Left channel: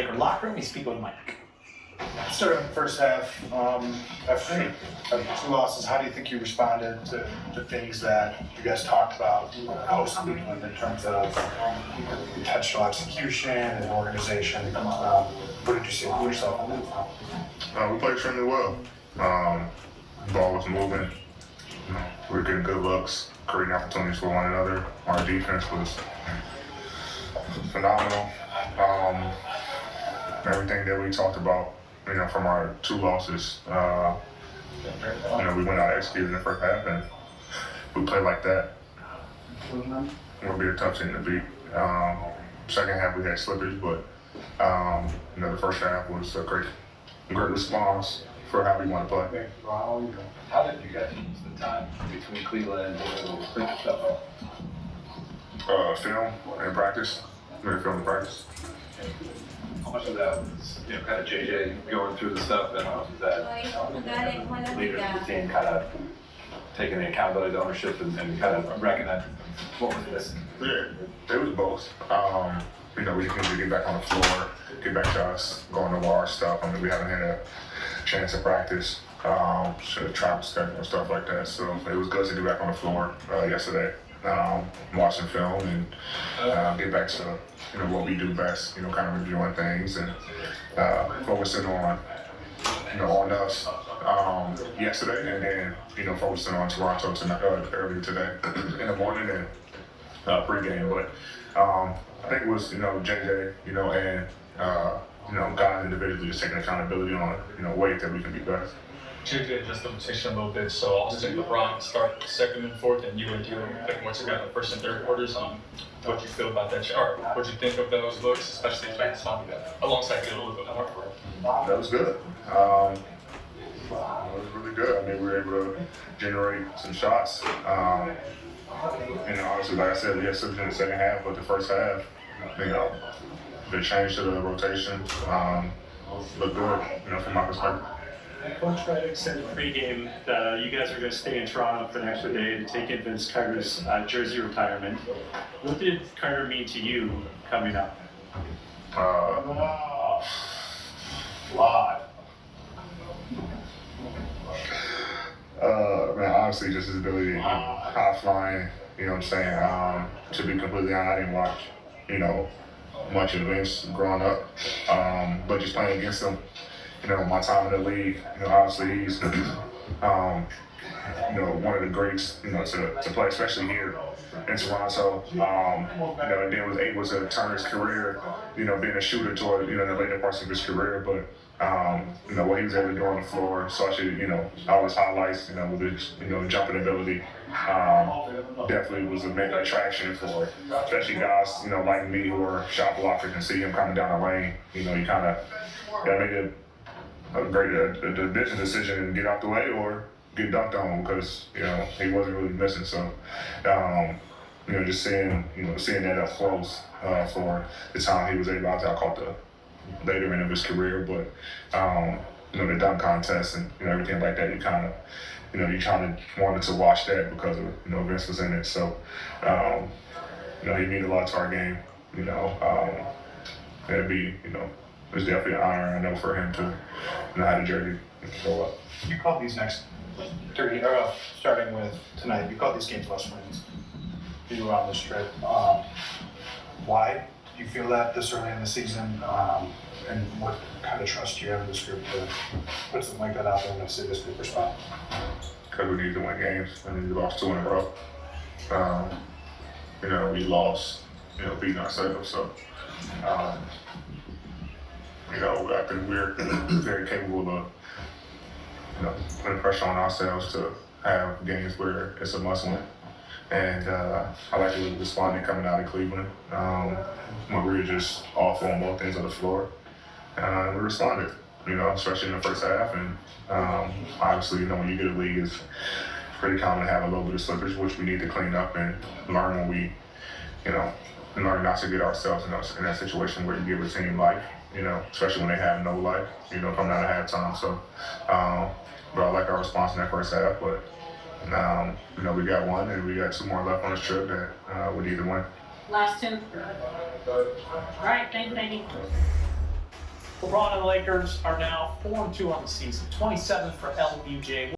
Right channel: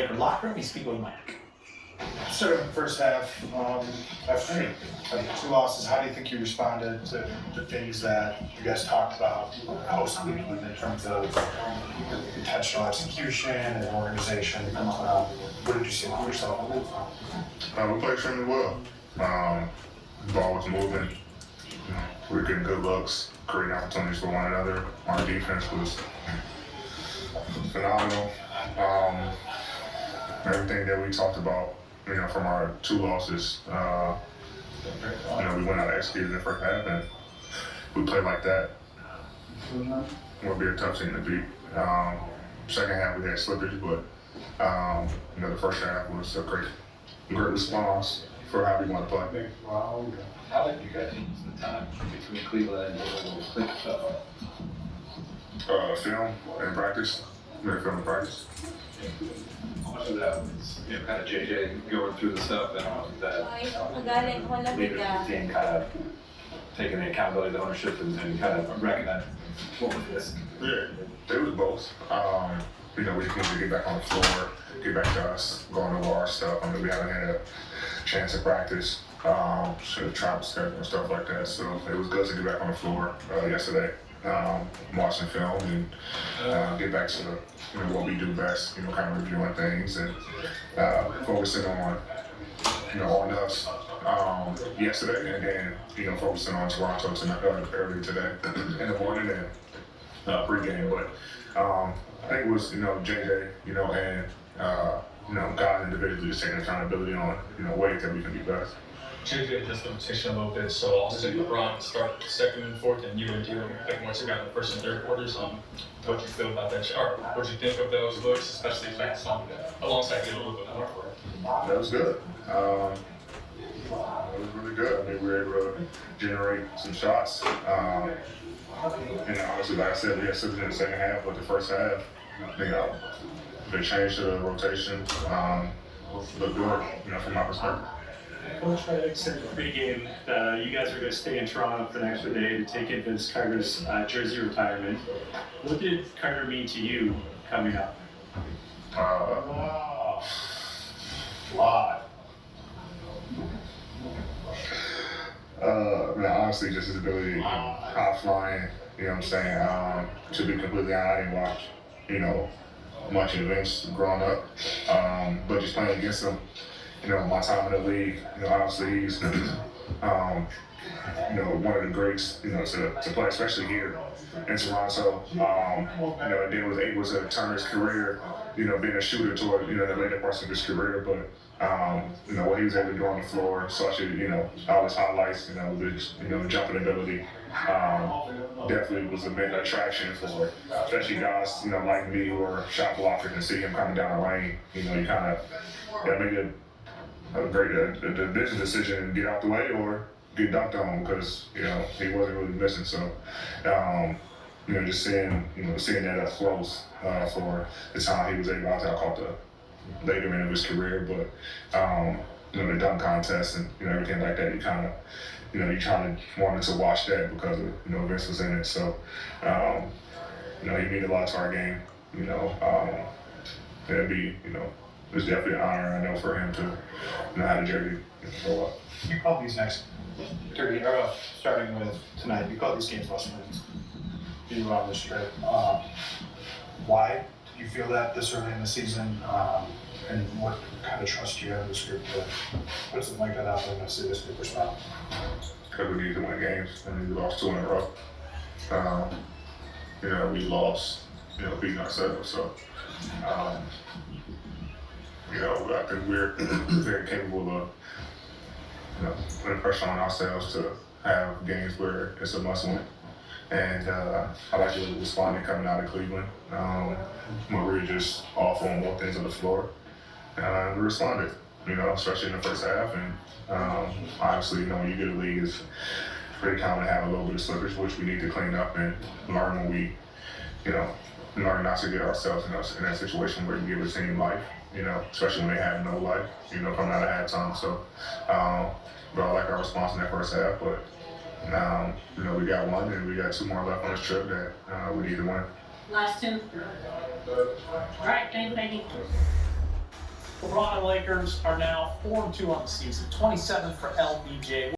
Locker room, you speak with Mike. Starting in the first half, after two losses, how do you think you responded to the things that you guys talked about post-Cleveland in terms of intentional execution and organization? What did you see for yourself? We played extremely well. Ball was moving. We were getting good looks, creating opportunities for one another. Our defense was phenomenal. Everything that we talked about, from our two losses, we went out executed in the first half, and we played like that. It'll be a tough team to beat. Second half we had slippage, but the first half was a great response for how we want to play. How did you guys use the time between Cleveland and clean stuff up? Film and practice. We had film and practice. How much of that was, kind of JJ going through the stuff, and how much of that leaders of the team kind of taking the accountability, the ownership, and kind of recognizing what was missing? Yeah, it was both. We just need to get back on the floor, get back to us, going over our stuff. We haven't had a chance to practice, travel schedule and stuff like that. So it was good to get back on the floor yesterday, watching film and get back to what we do best. Kind of reviewing things and focusing on on us yesterday, and then focusing on Toronto tonight, earlier today in the morning and pregame. But I think it was JJ and God individually just taking accountability on ways that we can be better. JJ just limitation a little bit, so I'll say LeBron start second and fourth, and you and D'Lo pick once you got in the first and third quarters. What do you feel about that? Or what do you think of those looks, especially alongside D'Lo a little bit more? That was good. It was really good. We were able to generate some shots. Obviously, like I said, we had slippage in the second half, but the first half, the change to the rotation looked good, from my perspective. Coach Reddick said pregame that you guys are going to stay in Toronto for an extra day to take in Vince Carter's jersey retirement. What did Carter mean to you coming up? Lot. Honestly, just his ability, high flying, to be completely honest, I didn't watch, much of Vince growing up, but just playing against him, my time in the league, obviously he's, one of the greats, to play, especially here in Toronto, and then was able to turn his career, being a shooter toward, the later parts of his career, but what he was able to do on the floor, especially, always highlights, with his, jumping ability, definitely was a major attraction for, especially guys, like me who are shot blockers and see him coming down the lane, you kind of, make the business decision and get out the way or get dunked on because, he wasn't really missing. So, just seeing that up close for the time he was able, I caught the later end of his career, but the dunk contest and everything like that, you kind of, you kind of wanted to watch that because of Vince was in it. So, he meant a lot to our game. It'd be it's definitely an honor, I know, for him to know how to jersey go up. You called these next 30, starting with tonight, you called these games less wins. You were on this trip. Why do you feel that this early in the season? And what kind of trust do you have in this group to put something like that out there and say this group respond? Because we need to win games. We lost 2 in a row. We lost, beating ourselves. So, I think we're very capable of, putting pressure on ourselves to have games where it's a must-win. And I like the way we responded coming out of Cleveland, when we were just awful on both ends of the floor. And we responded, especially in the first half. And obviously, when you get a league, it's pretty common to have a little bit of slippage, which we need to clean up and learn when we, learn not to get ourselves in that situation where you give a team life, especially when they have no life, coming out of halftime. So, but I like our response in that first half. But, we got one and we got 2 more left on this trip that we need to win. Last 2. All right, thank you. LeBron and Lakers are now 4-2 on the season, 27 for LBJ.